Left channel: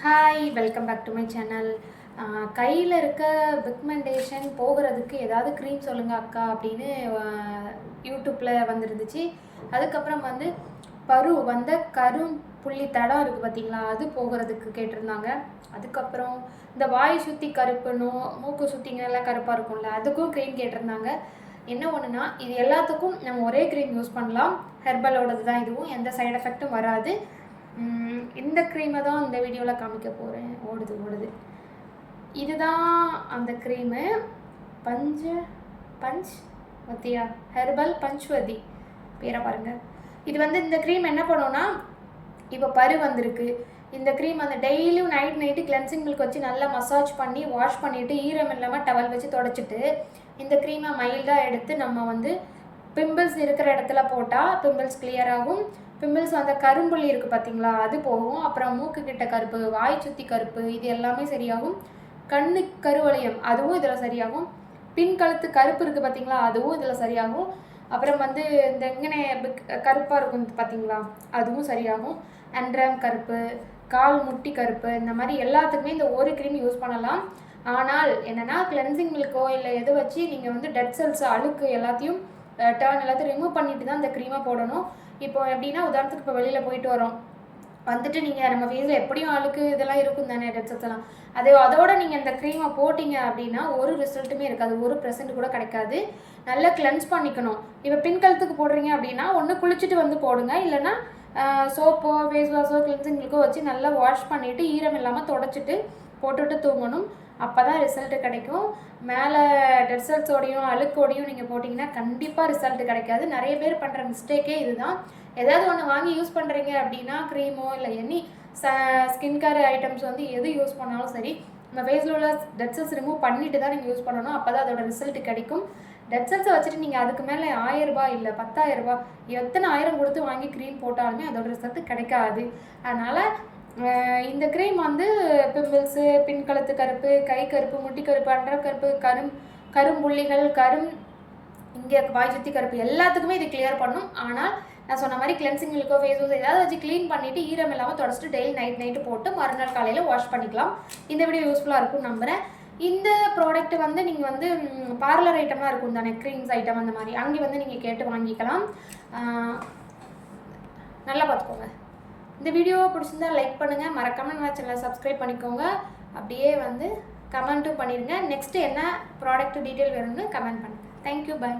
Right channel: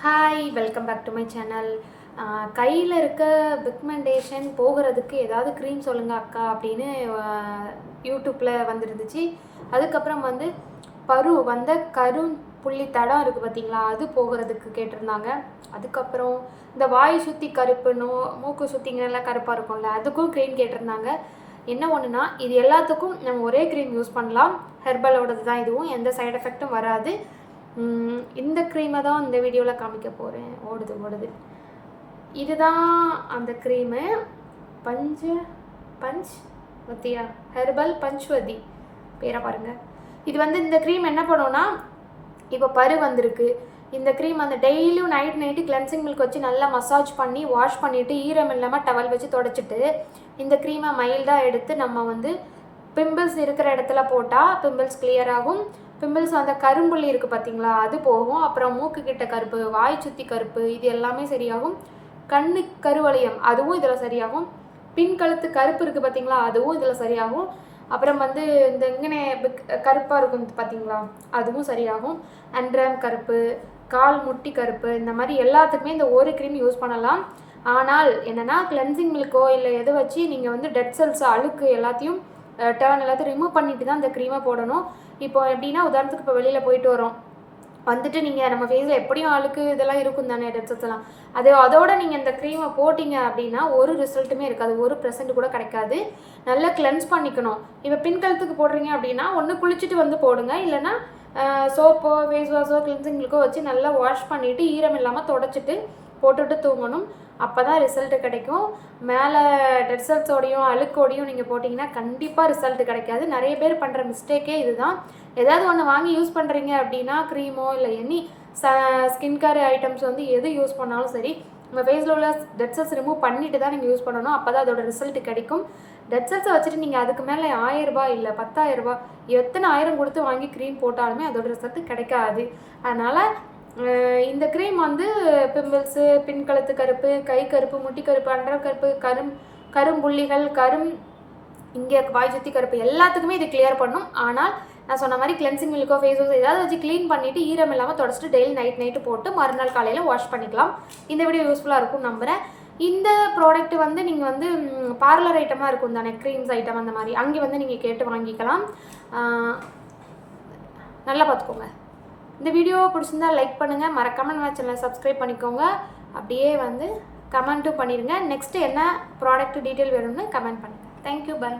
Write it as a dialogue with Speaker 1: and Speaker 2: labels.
Speaker 1: Hi welcome back to my channel கையில் இருக்க pigmentation போகிறதுக்கு ஏதாவது க்ரீம் சொல்லுங்க அக்கா அப்படின்னு யூடியூப்பில் வந்துருந்துச்சு. அதுக்கப்புறம் வந்து பரு வந்த கரும் புள்ளி தடம் இருக்குது பார்த்தீங்களா அது போகிறதுக்கு கேட்டிருந்தாங்க. அதுக்கப்புறம் இந்த வாய் சுற்றி கருப்பு நோ மூக்கு சுற்றிங்கெல்லாம் கருப்பாக இருக்கும்ல அதுக்கும் க்ரீம் கேட்டிருந்தாங்க. என்ன ஒன்றுனா இது எல்லாத்துக்கும் நம்ம ஒரே க்ரீம் யூஸ் பண்ணலாம். ஹெர்பலோடது தான் இதுவும் எந்த சைடு எஃபெக்ட்டும் வராது. இந்த க்ரீமை தான் இந்த வீடியோவில் காமிக்க போகிறேன் ஓடுது ஓடுது. இதுதான் அந்த க்ரீமு பஞ்ச பஞ்ச் வத்தியா? ஹெர்பல் பஞ்ச்வதி. பேரை பாருங்கள் இது வந்து இந்த க்ரீம் என்ன பண்ணுவோன்னா இப்போ பரு வந்திருக்கு. இந்த க்ரீம் அந்த டெய்லியும் நைட் நைட்டு கிளென்சிங் மில்க் வச்சு நல்லா மசாஜ் பண்ணி வாஷ் பண்ணிவிட்டு ஈரம் இல்லாமல் டவல் வச்சு தொடச்சிட்டு இந்த க்ரீமை மைல்டாக எடுத்து நம்ம வந்து பிம்பிள்ஸ் இருக்கிற இடத்துல போட்டால் பிம்பிள்ஸ் கிளியர் ஆகும். பிம்பிள்ஸ் அந்த கரும்புள்ளி இருக்குது பார்த்தீங்களா அது போகும். அப்புறம் மூக்கு கிட்ட கருப்பு வாய் சுற்றி கருப்பு இது எல்லாமே சரியாகும். கண்ணு கருவளையம் அதுவும் இதில் சரியாகும். பின் கழுத்து கருப்பு இருக்குது பார்த்தீங்களா அதுவும் இதில் சரியாகும். அப்புறம் வந்து இந்த இங்கே கருப்பாக இருக்கும் பார்த்தீங்களா அதுவும் சரியாகும். அண்ட்ரம் கருப்பு கால் முட்டி கருப்பு இந்த மாதிரி எல்லாத்துக்குமே இந்த ஒரு க்ரீம் யூஸ் பண்ணலாம். ஆனால் என்னென்னா கிளென்சிங் மில்க்கோ இல்லை எதை வச்சு நீங்கள் வந்து டெட் செல்ஸ் அழுக்கு எல்லாத்தையும் டேர்ன் எல்லாத்தையும் ரிமூவ் பண்ணிட்டு தான் அந்த க்ரீமை போடணும். இப்போ எப்படின்னா உதாரணத்துக்கு இப்போ வெளியில் போயிட்டு வரோம். வந்துட்டு நீங்கள் நம்ம ஃபேஸில் எப்படியும் ஆளுக்கு இதெல்லாம் இருக்கும் தானே டெட் அது அதோட நீங்கள் இந்த க்ரீமை போட்டிங்க அப்படின்னா ஒரு ரிசல்ட்டுமே இருக்காது. ஒரு ப்ரெசன்ட் கூட கிடைக்காது. நல்லா கிளென்ஸ் பண்ணிக்கணும். இப்போ பின் கழுத்துக்கு போடுறீங்க அப்படின்னா ஒன்று குளிச்சுட்டு வந்து போடுங்க. இல்லைன்னா சோப்போ ஃபேஸ் வாஷோ கிளென்சிங்களுக்கோ வச்சு நல்லா வாஷ் பண்ணிவிட்டு ஈரம் இல்லாமல் தொடச்சிட்டு போட்டுட்டு தூங்கணும். அப்போ தான் ரிசல்ட்டு கிடைக்கும். மேலே ரிசல்ட்ஸோடையும் அழுக்கோடையும் நீங்கள் போட்டிங்கன்னா கண்டிப்பாக ரிசல்ட் கிடைக்காது. நிறைய பேர் பண்ணுற மிஸ்டேக்கே இதுதான். ஏதாவது ஒன்று வாங்கி யூஸ் பண்ணுறீங்க அப்படின்னா க்ரீமோ இல்லை எனி ச ஸ்கின் கேர் ஐட்டம்ஸ் வந்து எது யூஸ் பண்ணாலும் சரி நம்ம ஃபேஸில் உள்ள டெட் செல்ஸ் ரிமூவ் பண்ணிட்டு தான் நீங்கள் யூஸ் பண்ணணும். அப்போ தான் அதோட ரிசல்ட் கிடைக்கும். டெட் செல்ஸை வச்சுட்டு நீங்கள் அதுக்கு மேலே ஆயிரம் ரூபாய் இல்லை பத்தாயிரரூபா எத்தனை ஆயிரம் கொடுத்து வாங்கி க்ரீம் போட்டாலுமே அதோட ரிசல்ட் கிடைக்காது. அதனால் இந்த க்ரீம் வந்து பிம்பிள்ஸு பின்கழுத்து கருப்பு கை கருப்பு முட்டி கருப்பு அண்டர் கருப்பு கரும் கரும்புள்ளிகள் கரும் இங்கே வாய் சுற்றி கருப்பு எல்லாத்துக்குமே இது கிளியர் பண்ணும். ஆனால் நான் சொன்ன மாதிரி கிளென்சிங் மில்கோ ஃபேஸ் வாஷ் ஏதாவது வச்சு க்ளீன் பண்ணிவிட்டு ஈரம் இல்லாமல் தொடச்சிட்டு டெய்லி நைட் நைட்டு போட்டு மறுநாள் காலையில் வாஷ் பண்ணிக்கலாம். இந்த வீடியோ யூஸ்ஃபுல்லாக இருக்கும் நம்புகிறேன் இந்த ப்ராடக்ட் வந்து நீங்கள் வந்து பார்லர் ஐட்டமாக இருக்கும் தானே க்ரீம்ஸ் ஐட்டம் அந்த மாதிரி அங்கே வந்து நீங்கள் கேட்டு வாங்கிக்கலாம். நல்லா பார்த்துக்கோங்க. இந்த வீடியோ பிடிச்சிருந்தா லைக் பண்ணுங்கள் மறக்காமல் நம்ம சேனலை சப்ஸ்கிரைப் பண்ணிக்கோங்க. அப்படியே வந்து கமெண்ட்டும் பண்ணிடுங்க நெக்ஸ்ட்டு என்ன ப்ராடக்ட் டீட்டெயில் வேணும்னு கமெண்ட் பண்ணுங்கள் தேங்க்யூ பை